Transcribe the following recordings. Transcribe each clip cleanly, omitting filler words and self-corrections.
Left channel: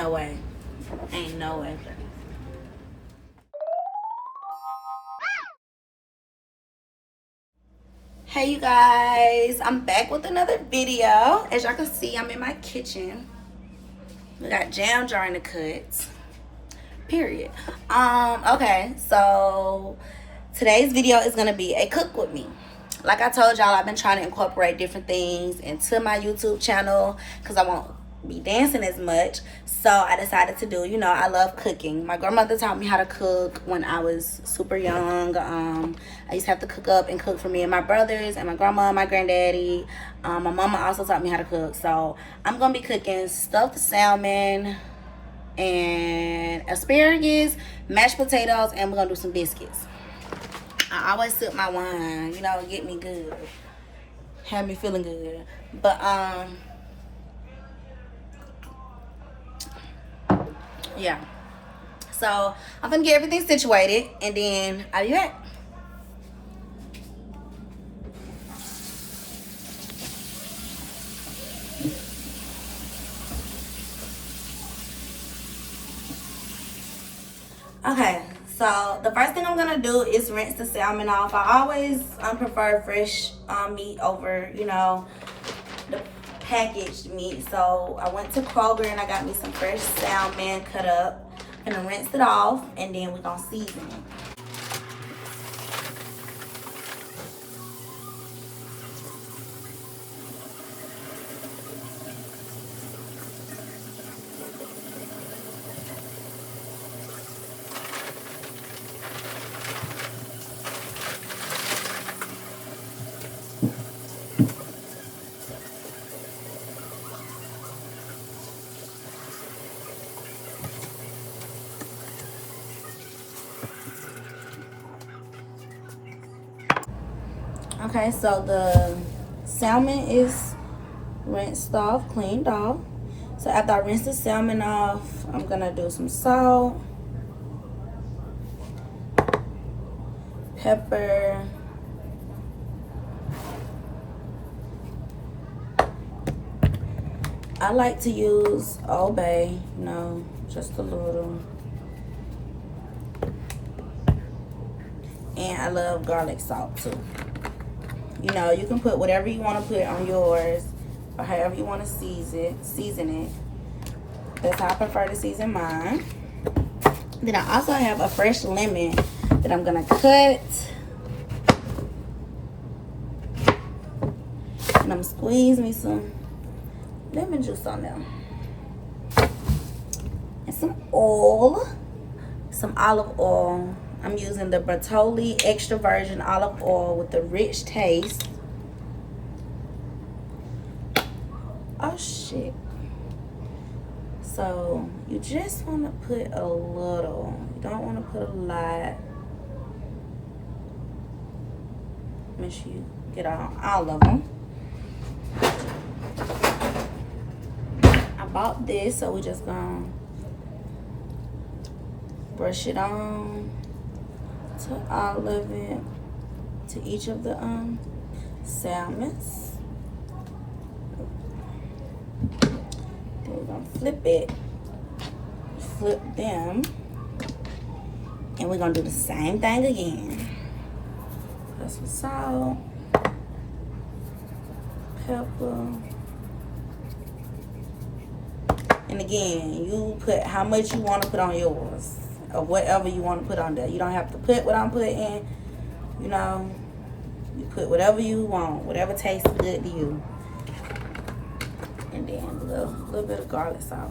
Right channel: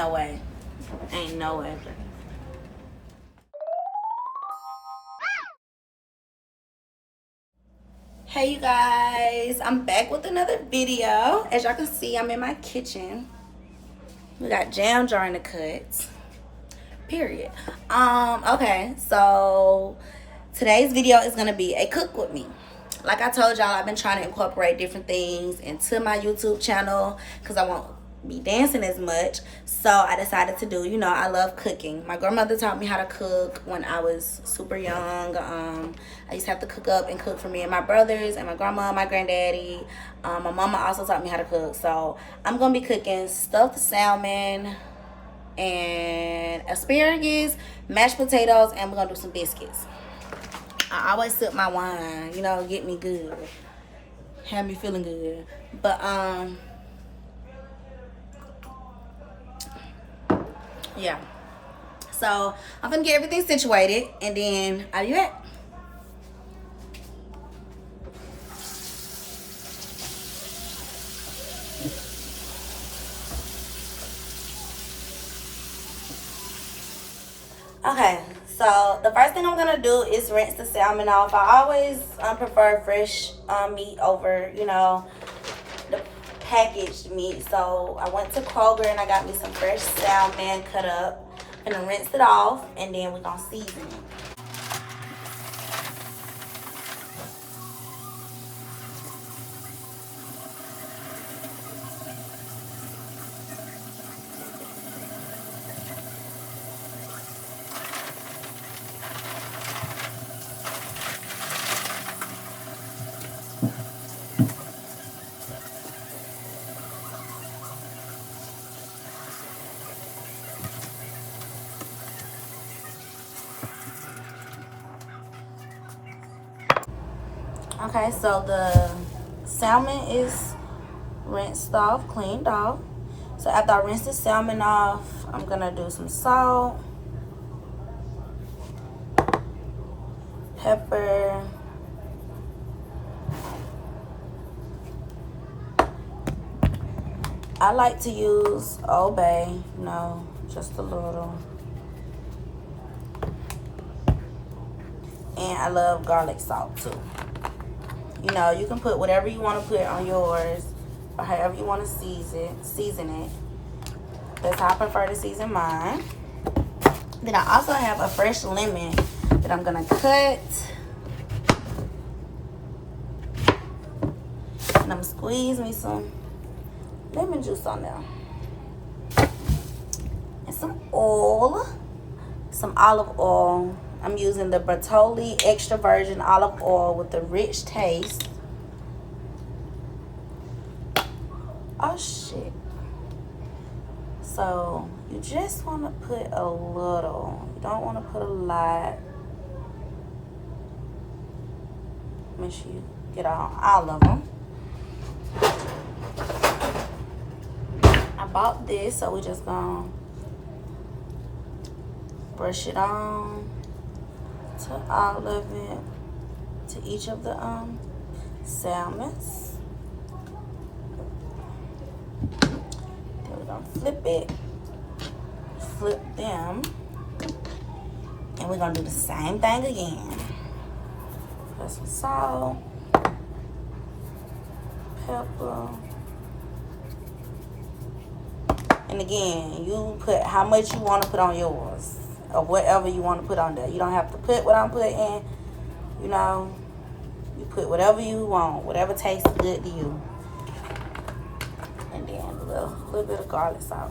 no way. Ain't no way. Hey you guys, I'm back with another video. As y'all can see, I'm in my kitchen. We got jam jar in the cuts. Period. Okay, so today's video is gonna be a cook with me. Like I told y'all, I've been trying to incorporate different things into my YouTube channel because I won't be dancing as much. So I decided to do, I love cooking. My grandmother taught me how to cook when I was super young. I used to have to cook up and cook for me and my brothers and my grandma and my granddaddy. My mama also taught me how to cook. So I'm gonna be cooking stuffed salmon and asparagus, mashed potatoes, and we're gonna do some biscuits. I always sip my wine, get me good, have me feeling good. But yeah, so I'm gonna get everything situated and then I'll be back. Okay, so the first thing I'm gonna do is rinse the salmon off. I always prefer fresh meat over, the packaged meat. So I went to Kroger and I got me some fresh salmon cut up. I'm gonna rinse it off and then we're gonna season it. Okay, so the salmon is rinsed off, cleaned off. So after I rinse the salmon off, I'm gonna do some salt, pepper, I like to use Old Bay, just a little. And I love garlic salt too. You can put whatever you want to put on yours or however you want to season it. That's how I prefer to season mine. Then I also have a fresh lemon that I'm gonna cut. And I'm gonna squeeze me some lemon juice on there. And some oil, some olive oil. I'm using the Bertolli extra virgin olive oil with the rich taste. Oh shit. So you just want to put a little. You don't want to put a lot. Make sure you get all of them. I bought this, so we just gonna brush it on to all of it, to each of the salmons. Then we're gonna flip them, and we're gonna do the same thing again. Put some salt, pepper, and again, you put how much you want to put on yours, or whatever you want to put on there. You don't have to put what I'm putting, you put whatever you want, whatever tastes good to you. And then a little bit of garlic salt.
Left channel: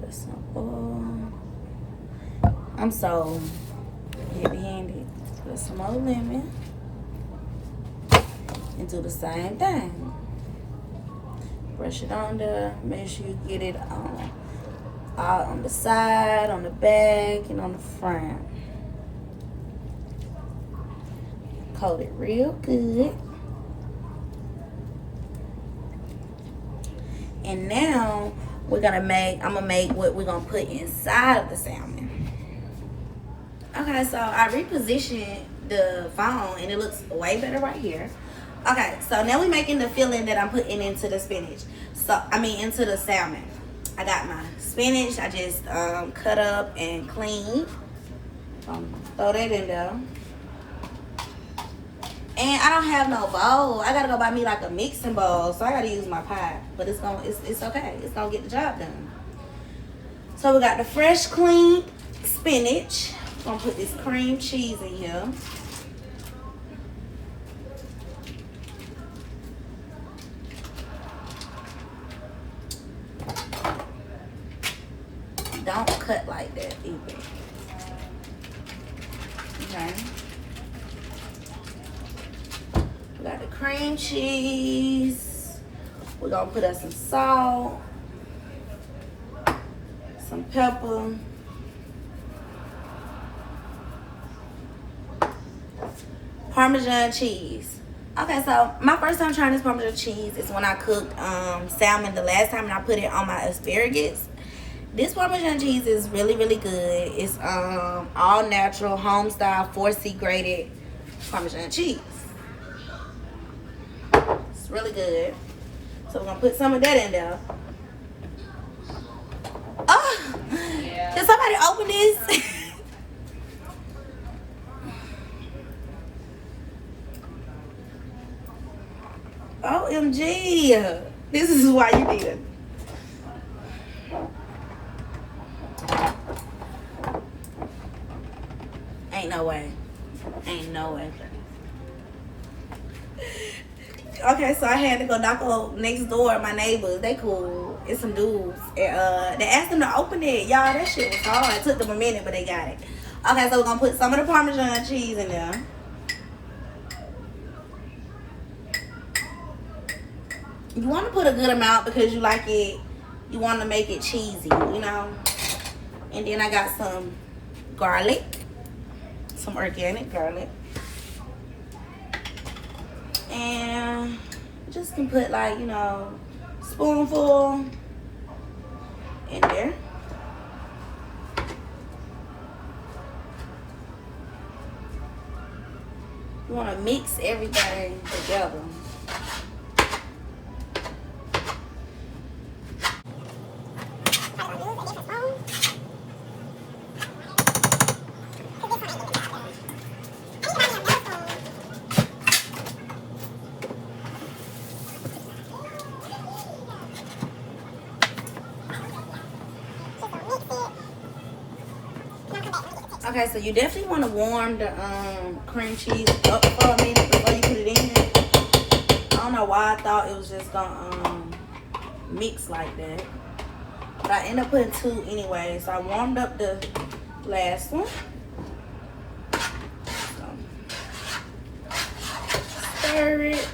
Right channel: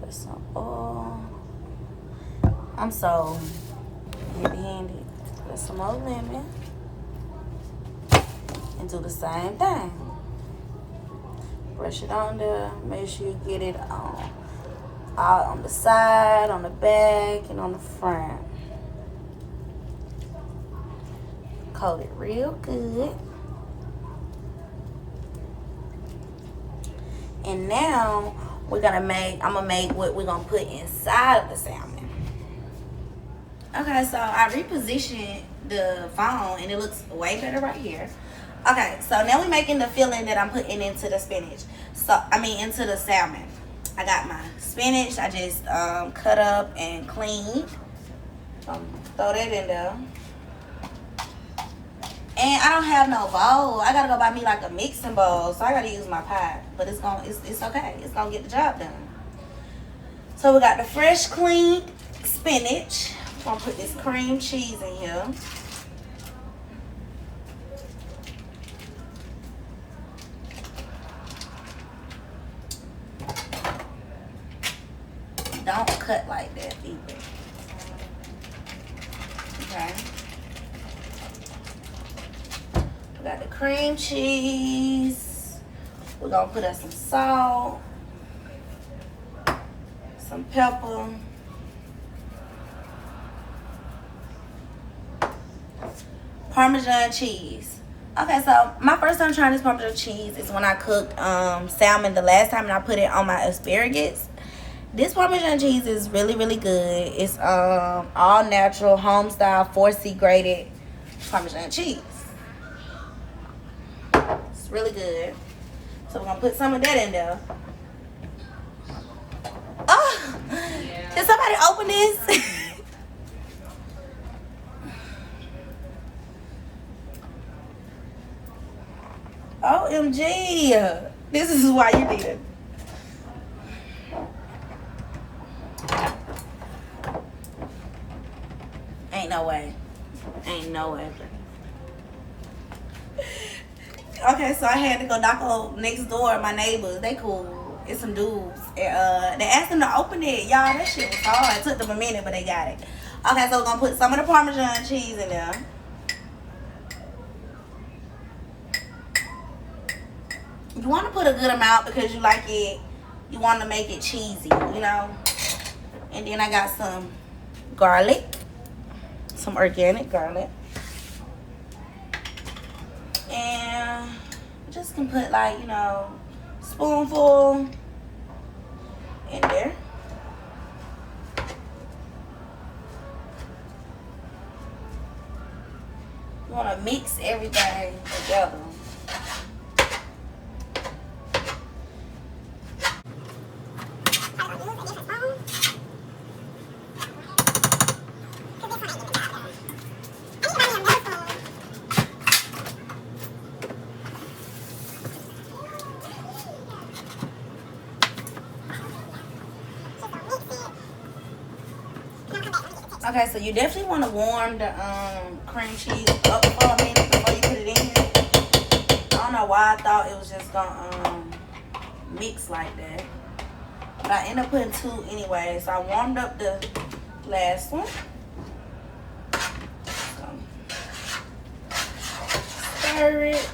Put some oil. I'm so heavy-handed. Put some more lemon. And do the same thing. Brush it on there. Make sure you get it on the side, on the back, and on the front. Coat it real good. And now I'm gonna make what we're gonna put inside of the salmon. Okay, so I repositioned the phone and it looks way better right here. Okay, so now we're making the filling that I'm putting into the spinach. So, into the salmon. I got my spinach. I just cut up and cleaned. Throw that in there. And I don't have no bowl. I gotta go buy me like a mixing bowl. So I gotta use my pot. But it's okay. It's gonna get the job done. So we got the fresh, clean spinach. I'm gonna put this cream cheese in here. Don't cut like that either. Okay. We got the cream cheese. We're gonna put us some salt, some pepper, Parmesan cheese. Okay, so my first time trying this Parmesan cheese is when I cooked salmon the last time, and I put it on my asparagus. This Parmesan cheese is really, really good. It's all natural, home style, 4C graded Parmesan cheese. It's really good. So we're gonna put some of that in there. Oh, did somebody open this? OMG. This is why you need it. Ain't no way. Ain't no way. Okay, so I had to go knock on next door. My neighbors, they cool. It's some dudes. And, they asked them to open it. Y'all, that shit was hard. It took them a minute, but they got it. Okay, so we're going to put some of the Parmesan cheese in there. You want to put a good amount because you like it. You want to make it cheesy, you know. And then I got some garlic. Some organic garlic. And just can put like, you know, spoonful in there. You want to mix everything together. Okay, so you definitely want to warm the cream cheese up for a minute before you put it in. I don't know why I thought it was just gonna mix like that, but I ended up putting 2 anyway. So I warmed up the last one. So, stir it.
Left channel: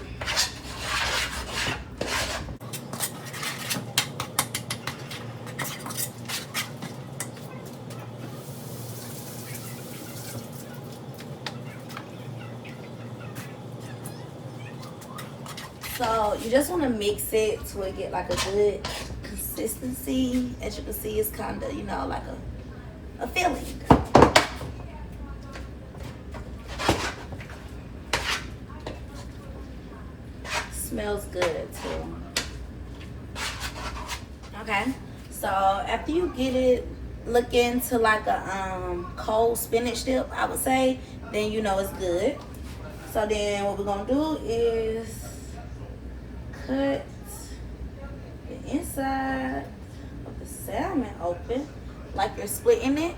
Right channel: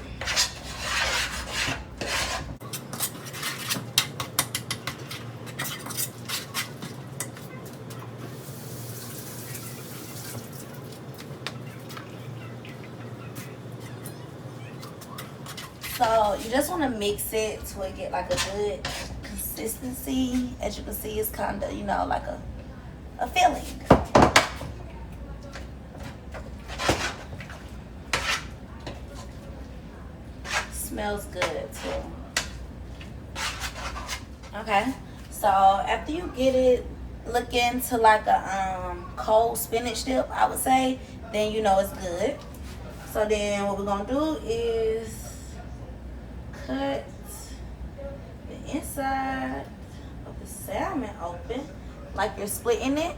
So you just want to mix it to it get like a good consistency. As you can see, it's kind of, you know, like a filling. Smells good too. Okay, so after you get it looking to like a cold spinach dip, I would say, then you know it's good. So then what we're gonna do is cut the inside of the salmon open like you're splitting it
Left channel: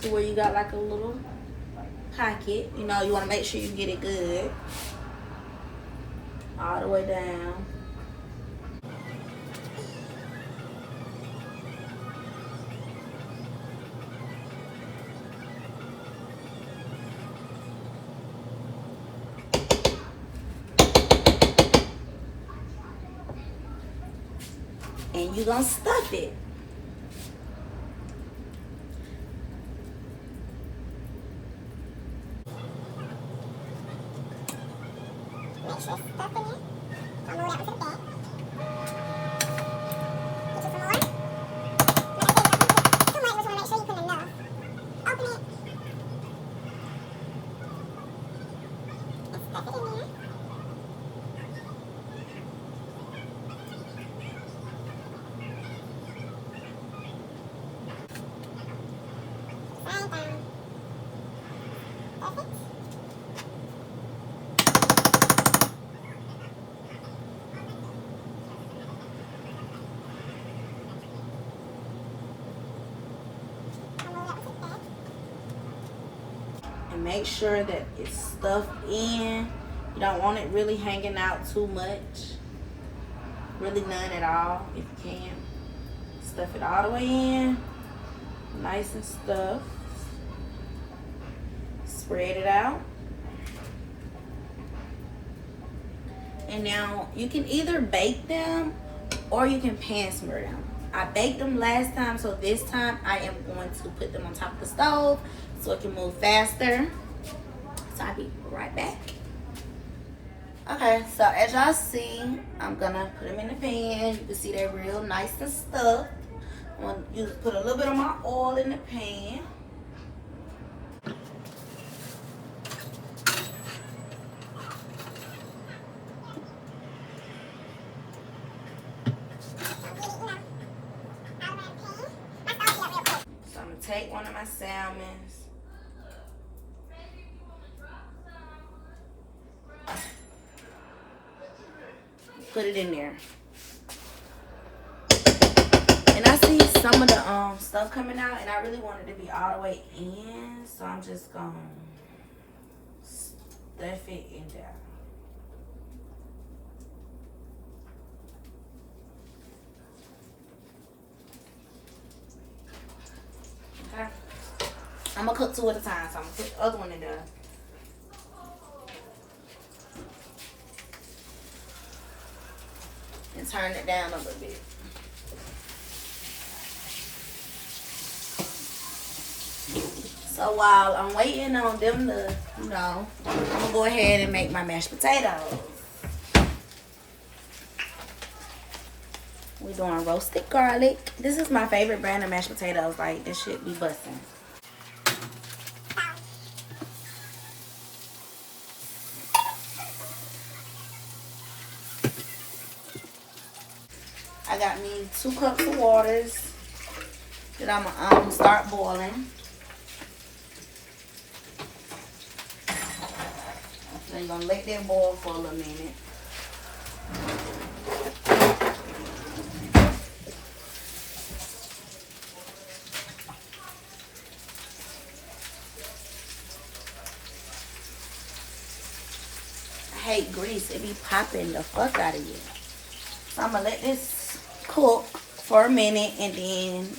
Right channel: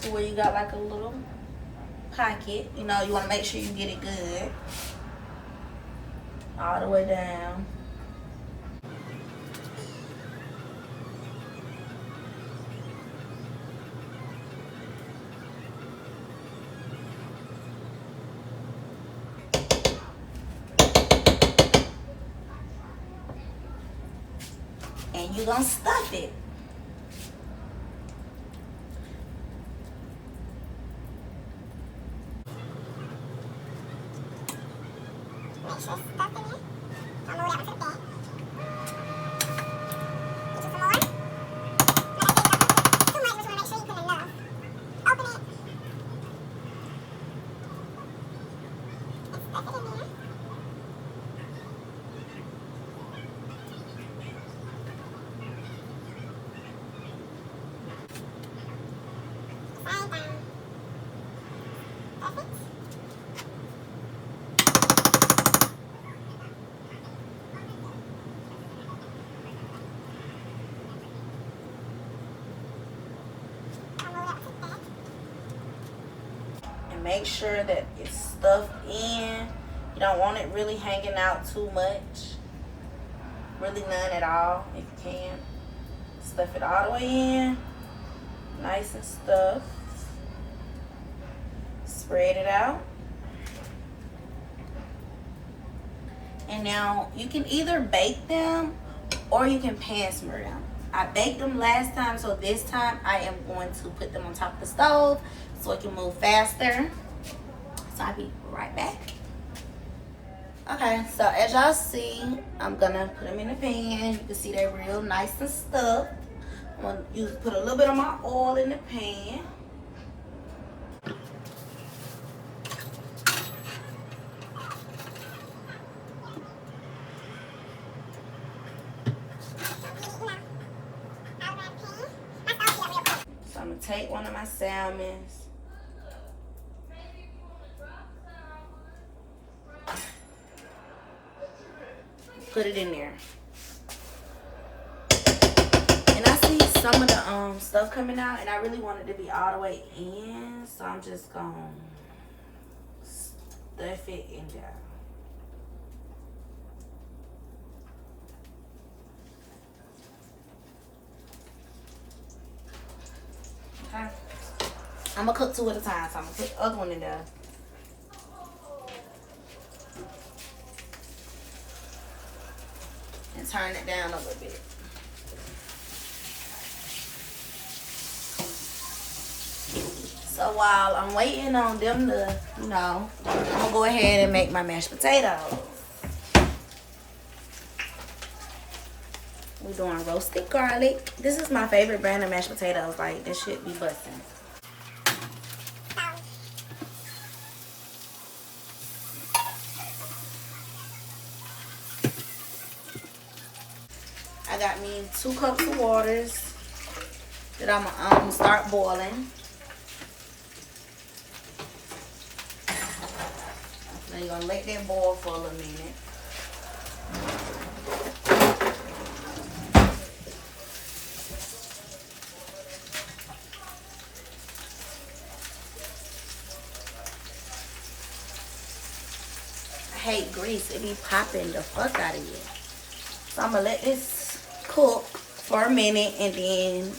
to where you got like a little pocket. You know, you want to make sure you get it good all the way down. And you're gonna stuff it. Make sure it's stuffed in it. So I'm gonna move that one to the back. Get you some more. Now I think too much, but you wanna make sure you put enough. Open it. And make sure that it's stuffed in. You don't want it really hanging out too much. Really none at all, if you can. Stuff it all the way in. Nice and stuffed. Spread it out. And now you can either bake them or you can pan smear them. I baked them last time, so this time I am going to put them on top of the stove so it can move faster. So I'll be right back. Okay, so as y'all see, I'm gonna put them in the pan. You can see they're real nice and stuffed. I'm gonna put a little bit of my oil in the pan. So I'm gonna take one of my salmons. Put it in there. And I see some of the stuff coming out, and I really wanted to be all the way in, so I'm just gonna stuff it in there. Okay. I'm gonna cook two at a time, so I'm gonna put the other one in there. And turn it down a little bit. So while I'm waiting on them to, I'm gonna go ahead and make my mashed potatoes. We're doing roasted garlic. This is my favorite brand of mashed potatoes. Like, this shit be busting. I got me 2 cups of waters that I'm gonna start boiling. Now you're gonna let that boil for a little minute. I hate grease. It be popping the fuck out of you. So I'm gonna let this cook for a minute, and then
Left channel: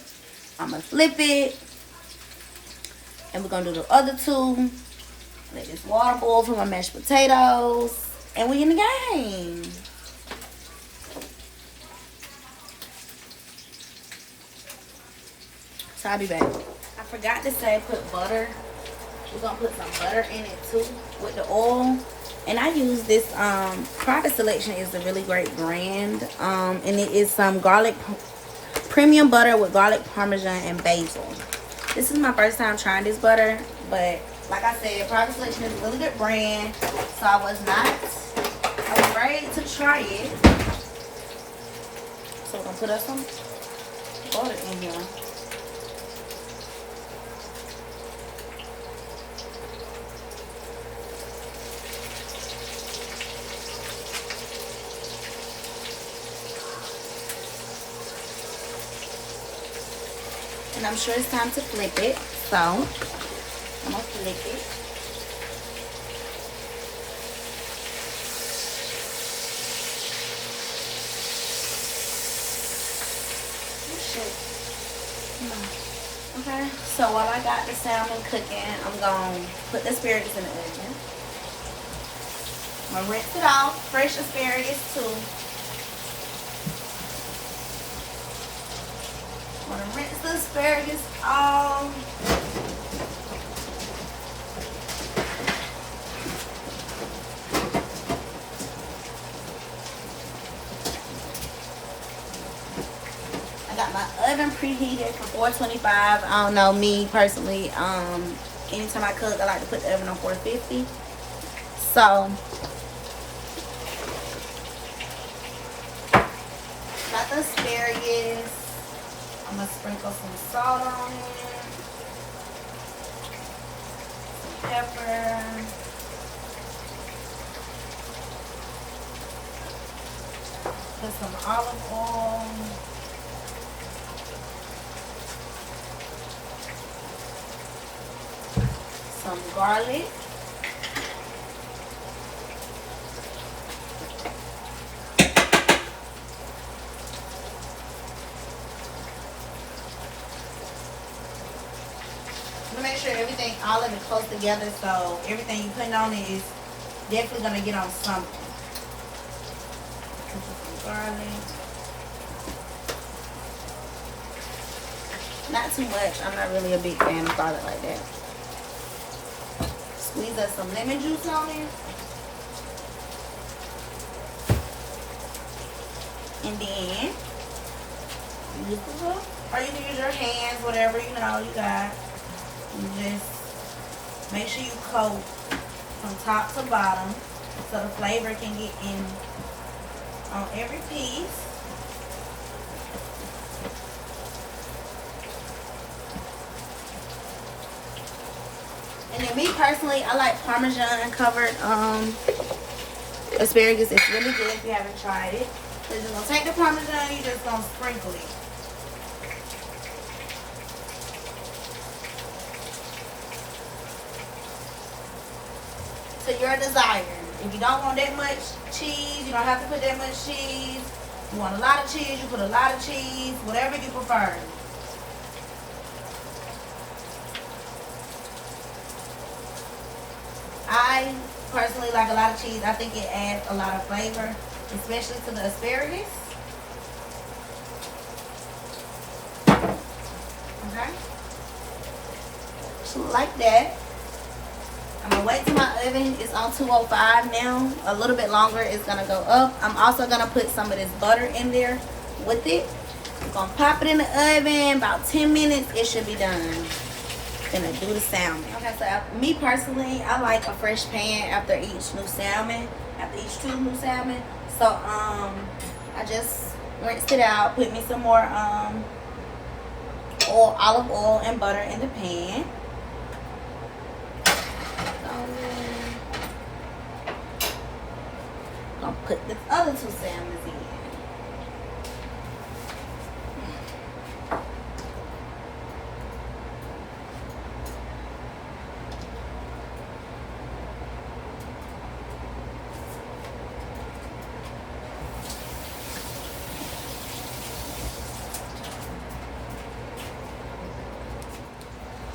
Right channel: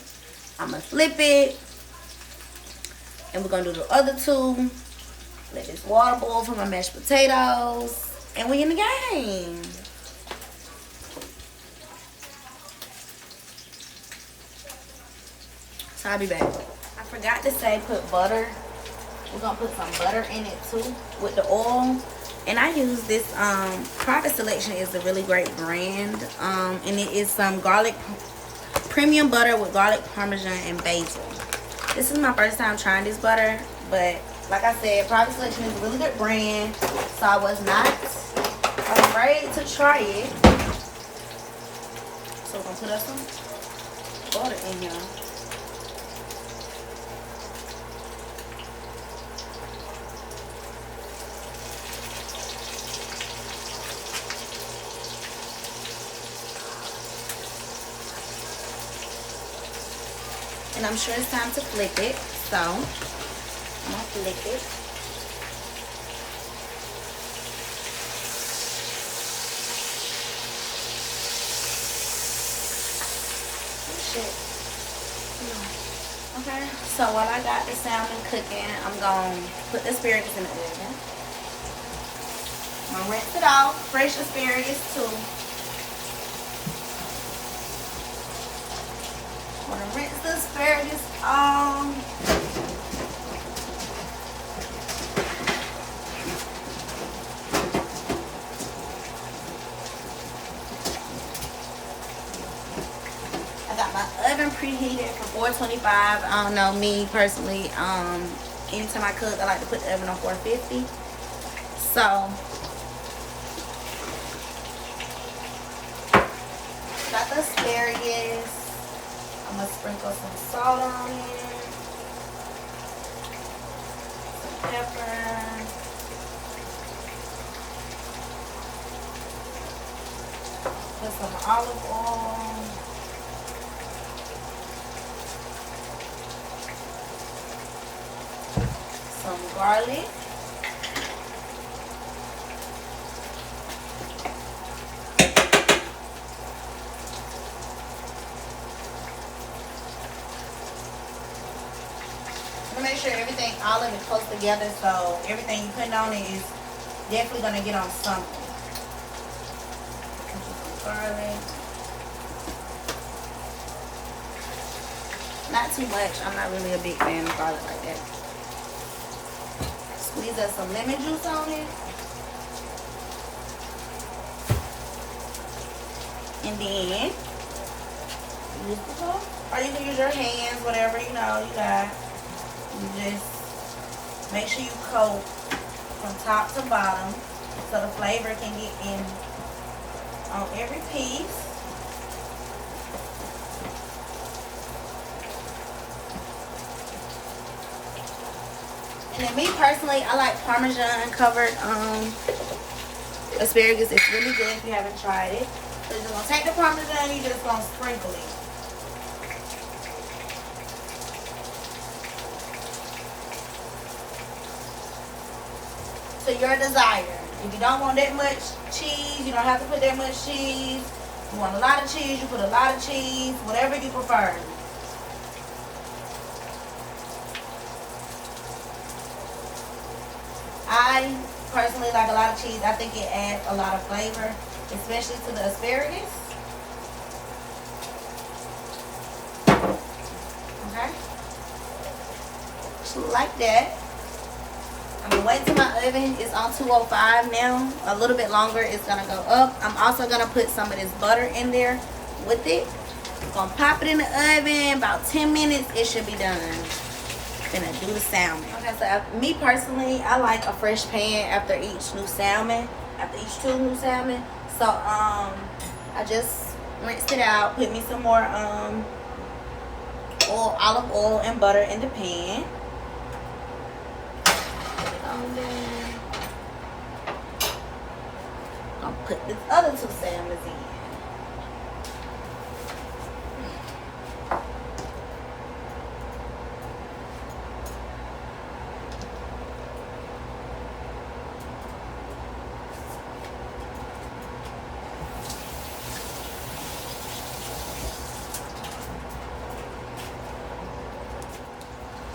I'm gonna flip it, and we're gonna do the other 2. Let this water boil for my mashed potatoes, and we in the game. So I'll be back. I forgot to say put butter. We're gonna put some butter in it too with the oil. And I use this, Private Selection is a really great brand. And it is some garlic, premium butter with garlic, Parmesan, and basil. This is my first time trying this butter. But like I said, Private Selection is a really good brand. So I was not afraid to try it. So we're going to put us some butter in here. And I'm sure it's time to flip it, so I'm gonna flip it. Oh, shit. Okay, so while I got the salmon cooking, I'm gonna put the asparagus in the oven. I'm gonna rinse it off, fresh asparagus too. I'm gonna rinse the asparagus off. I got my oven preheated for 425. I don't know, me personally, anytime I cook, I like to put the oven on 450. So got the asparagus. I'm gonna sprinkle some salt on it, some pepper, put some olive oil, some garlic. Make sure everything, all of it close together, so everything you put on it is definitely gonna get on something. Some garlic. Not too much. I'm not really a big fan of garlic like that. Squeeze us some lemon juice on it. And then use the bowl, or you can use your hands, whatever you know you got. You just make sure you coat from top to bottom so the flavor can get in on every piece. And then me personally, I like Parmesan covered asparagus. It's really good if you haven't tried it. So you're just gonna take the Parmesan, you're just gonna sprinkle it. To your desire. If you don't want that much cheese, you don't have to put that much cheese. You want a lot of cheese, you put a lot of cheese, whatever you prefer. I personally like a lot of cheese. I think it adds a lot of flavor, especially to the asparagus. Okay. So like that. I'm gonna wait till my oven is on 205 now. A little bit longer, it's gonna go up. I'm also gonna put some of this butter in there with it. I'm gonna pop it in the oven. About 10 minutes, it should be done. Gonna do the salmon. Okay, so me personally, I like a fresh pan after each new salmon, after each two new salmon. So I just rinsed it out, put me some more oil, olive oil and butter in the pan. Gonna put the other two salmons in.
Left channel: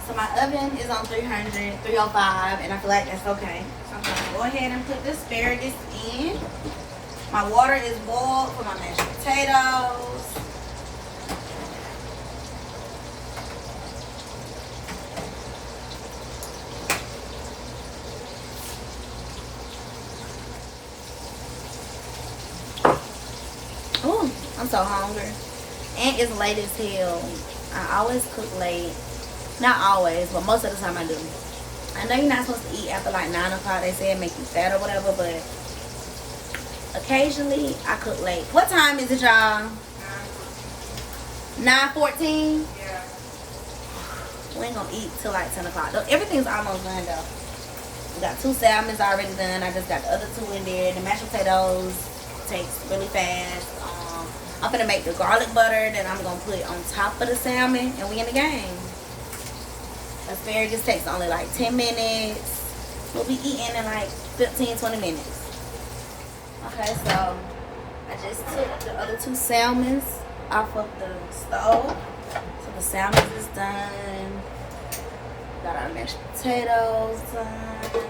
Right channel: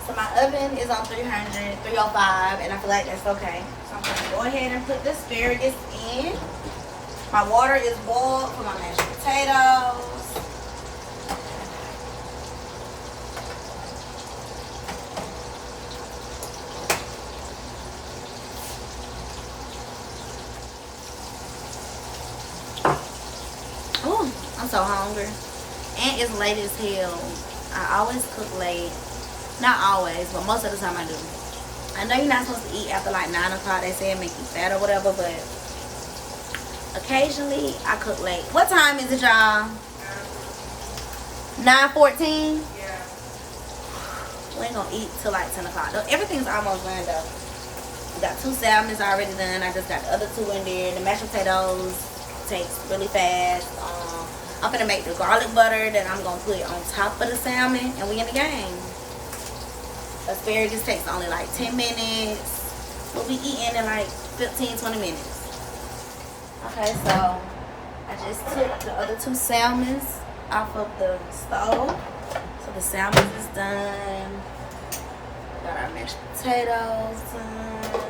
So my oven is on 305, and I feel like that's okay. So I'm gonna go ahead and put the asparagus in. My water is boiled for my mashed potatoes. Oh, I'm so hungry. And it's late as hell. I always cook late. Not always, but most of the time I do. I know you're not supposed to eat after like 9 o'clock. They say it make you fat or whatever, but occasionally I cook late. What time is it, y'all? 9:14? Yeah. We ain't gonna eat till like 10 o'clock. Everything's almost done though. We got 2 salmons already done. I just got the other 2 in there. The mashed potatoes takes really fast. I'm gonna make the garlic butter that I'm gonna put on top of the salmon, and we in the game. Asparagus takes only like 10 minutes. We'll be eating in like 15-20 minutes. Okay, so I just took the other 2 salmons off of the stove. So the salmon is done. Got our mashed potatoes done.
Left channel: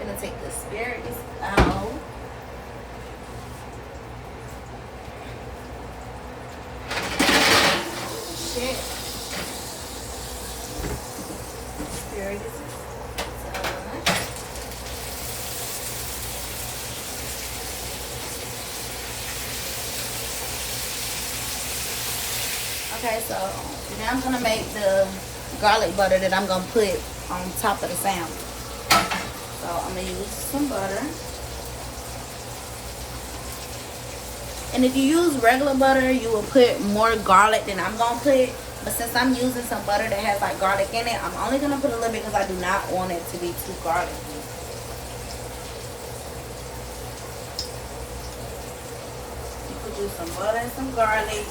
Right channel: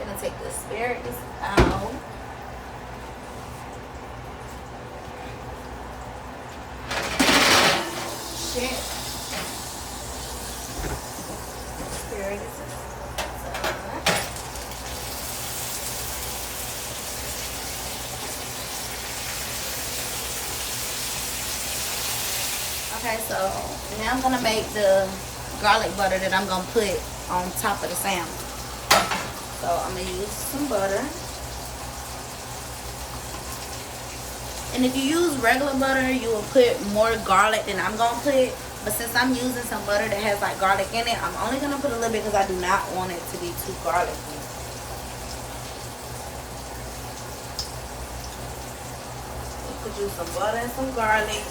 Gonna take the asparagus out. Shit. Asparagus. Okay, so now I'm gonna make the garlic butter that I'm gonna put on top of the salmon. So I'm gonna use some butter. And if you use regular butter, you will put more garlic than I'm gonna put. But since I'm using some butter that has like garlic in it, I'm only gonna put a little bit because I do not want it to be too garlicky. You could use some butter and some garlic.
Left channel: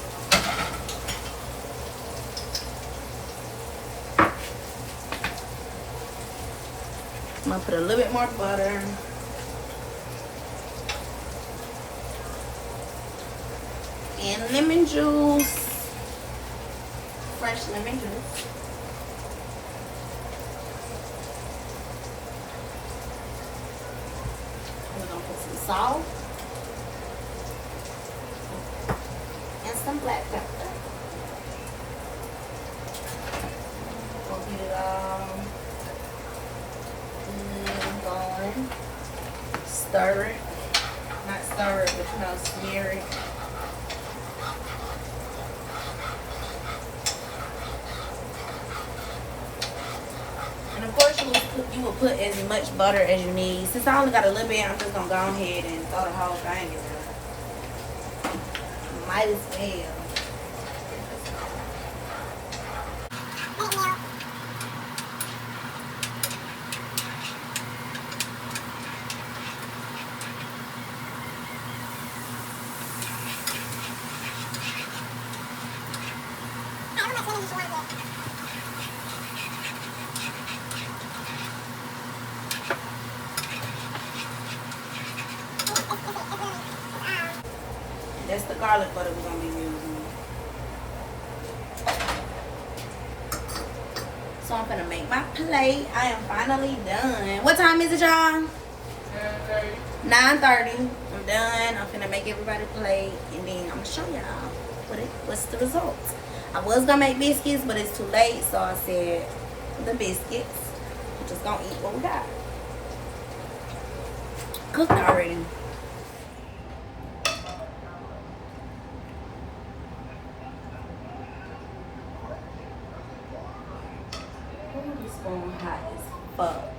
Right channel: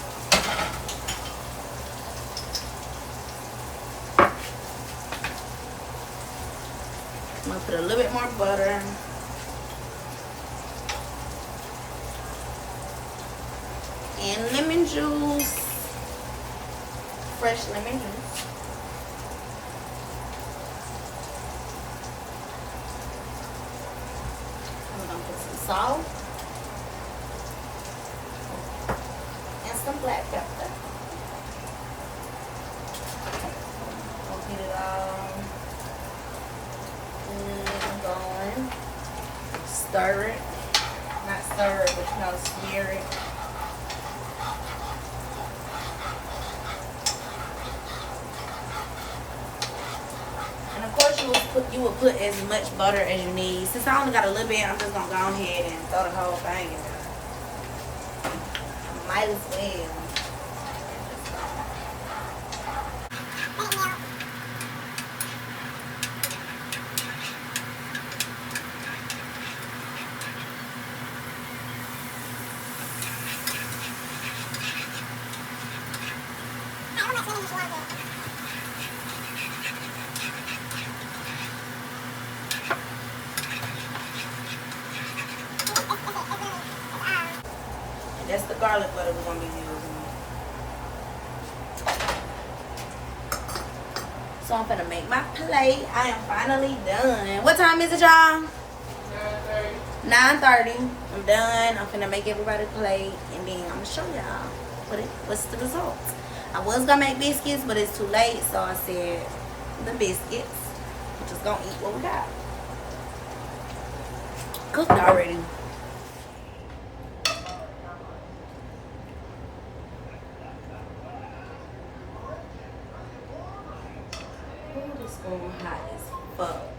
I'm gonna put a little bit more butter. And lemon juice. Fresh lemon juice. We're gonna put some salt. And some black pepper. We'll get it all going. Stir it. Not stir it, but smear it. And of course you will put as much butter as you need. Since I only got a little bit, I'm just gonna go ahead and throw the whole thing in there. Might as well. That's the garlic butter we're gonna be using. So I'm gonna make my plate. I am finally done. What time is it, y'all? 9:30. I'm done. I'm finna make everybody plate, and then I'm gonna show y'all what's the result. I was gonna make biscuits, but it's too late, so I said the biscuits. We're just gonna eat what we got. Cooked already. This spoon hot as fuck.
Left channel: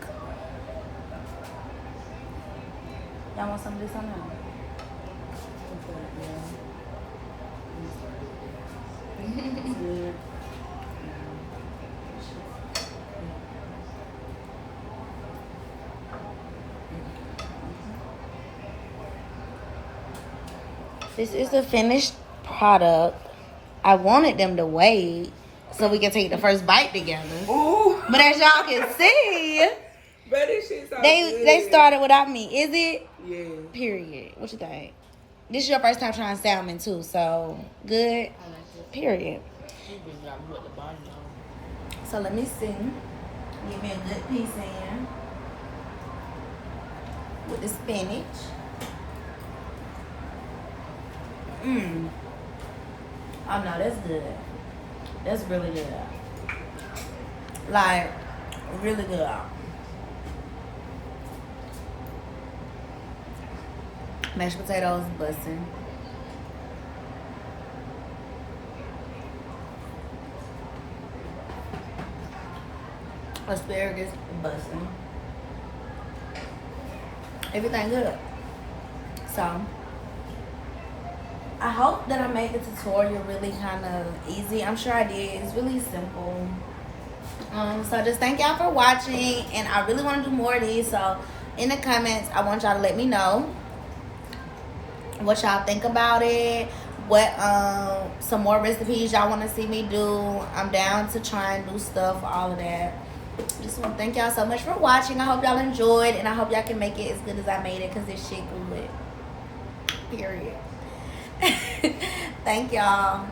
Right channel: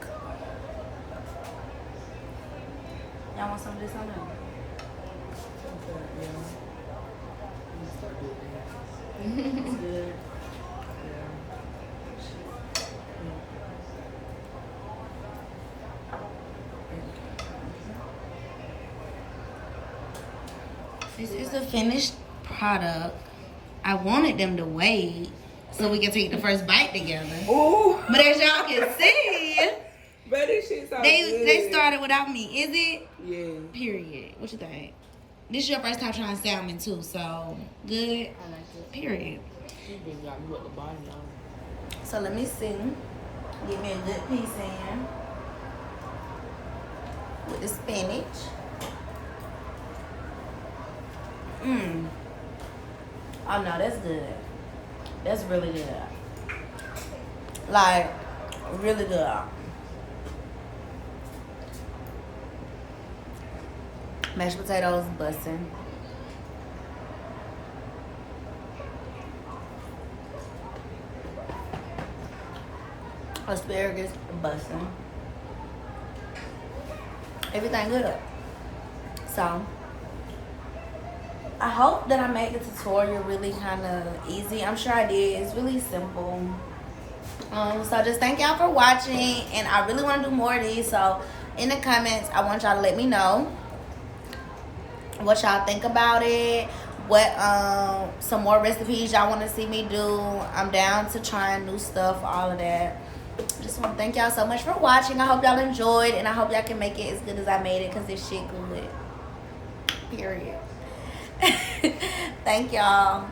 Y'all want some of this on there? It's good. This is the finished product. I wanted them to wait so we can take the first bite together. Ooh. But as y'all can see, but this shit so they started without me. Is it? Yeah. Period. What you think? This is your first time trying salmon too, so good. I like it. Period. So let me see. Give me a good piece in with the spinach. Oh no, that's good. That's really good. Like, really good. Mashed potatoes, bussin'. Asparagus, bussin'. Everything good. So, I hope that I made the tutorial really kind of easy. I'm sure I did. It's really simple. So just thank y'all for watching, and I really want to do more of these. So in the comments, I want y'all to let me know what y'all think about it. What some more recipes y'all want to see me do. I'm down to trying new stuff, all of that. I just want to thank y'all so much for watching. I hope y'all enjoyed, and I hope y'all can make it as good as I made it, because this shit good. Period. Thank y'all.